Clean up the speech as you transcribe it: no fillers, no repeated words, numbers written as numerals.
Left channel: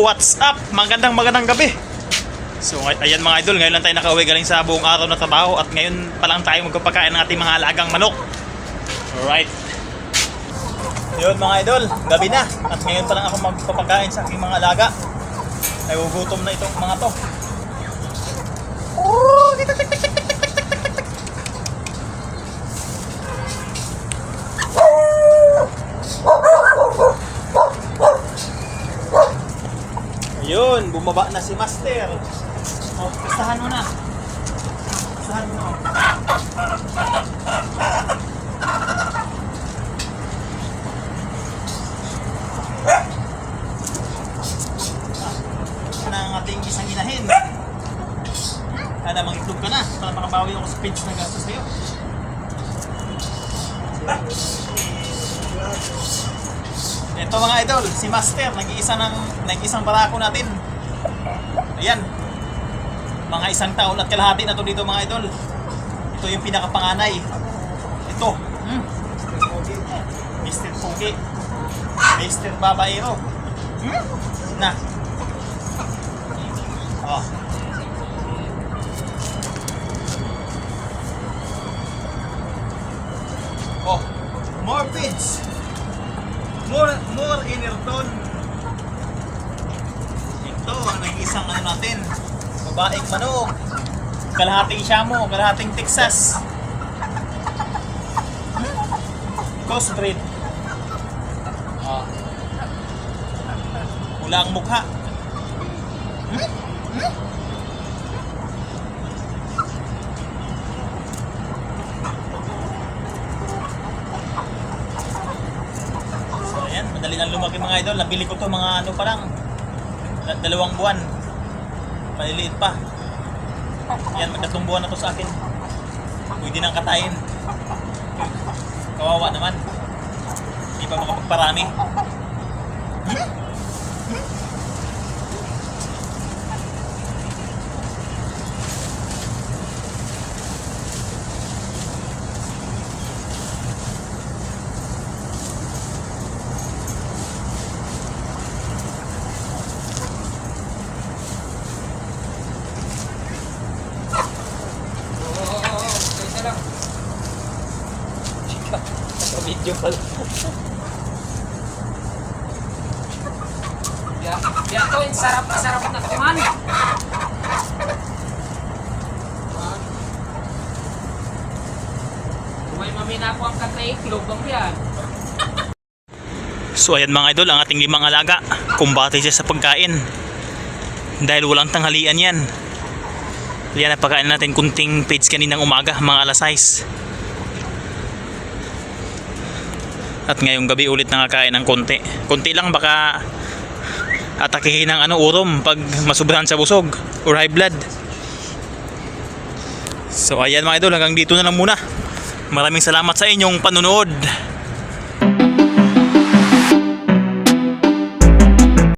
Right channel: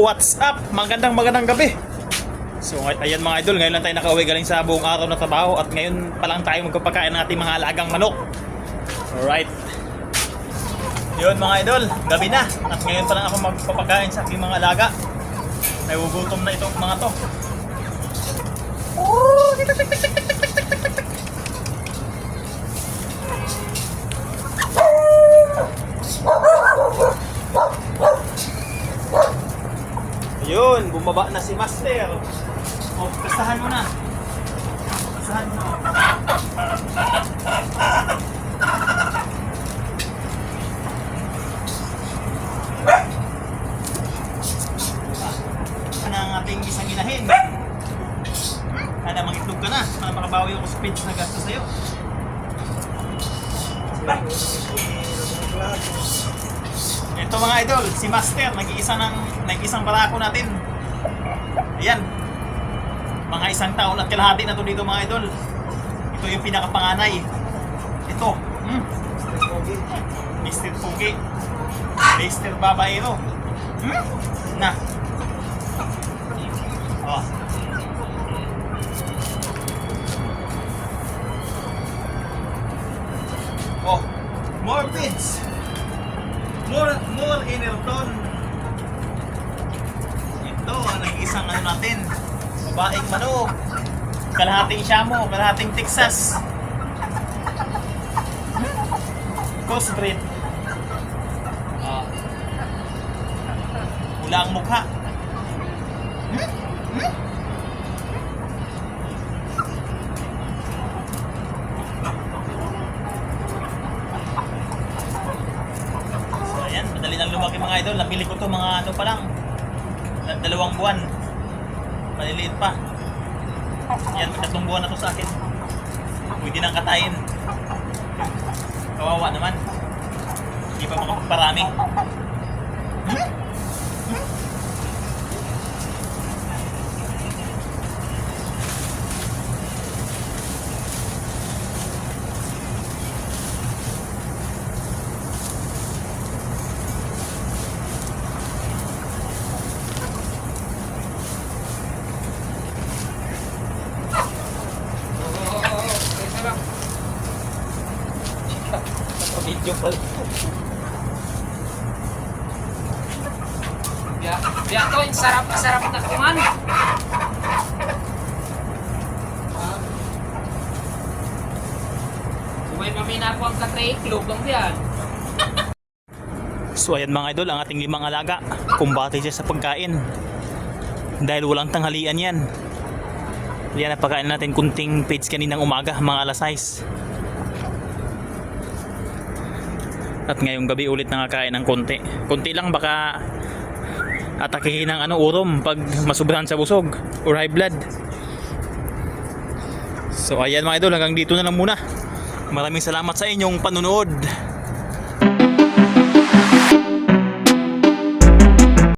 What's up? Magandang gabi. So ayan mga idol, ngayon lang tayo nakauwi galing sa buong araw na trabaho at ngayon pa lang tayo magpapakain ng ating mga alagang manok. Alright. Yun mga idol, gabi na at ngayon pa lang ako magpapakain sa aking mga alaga. Nagugutom na itong mga to. Ayun, bumaba na si Master. O, pistahan mo na. Pistahan mo na. Ano ang ating isang inahin? Ana, mangitlog ka na para makabawi ako sa pinch na gasto sa'yo. Ito mga idol, si Master, nag-iisang barako natin. Ayan. Mga isang taon at kalahati na to dito mga idol. Ito yung pinakapanganay. Ito. Mr. Puki. Mr. Babaero. Na. Oh. Oh. More feeds. More Inerton. Ito ang nag-isang ano natin, babaeng manok, kalahating Shamo, kalahating Texas, crossbreed. Wala ang mukha. Lumaki mga idol, nabili ko to mga ano pa lang, 2 buwan, maliliit pa. Ayan, 3 buwan na to sa akin. Pwede nang katayin. Kawawa naman, hindi pa makapagparami. Video pala. Ya to, sarap na kuman. May mamina ko ang kakay, lobang diyan. So ayan mga idol, ang ating 5 alaga, kumbate siya sa pagkain. Dahil walang tanghalian yan. Yan, napakain natin kunting page kaninang umaga, mga alas 6. At ngayong gabi ulit nakakain ng konti. Konti lang, baka atakihin ng urom pag masubrahan sa busog or high blood. So ayan mga idol, hanggang dito na lang muna. Maraming salamat sa inyong panonood.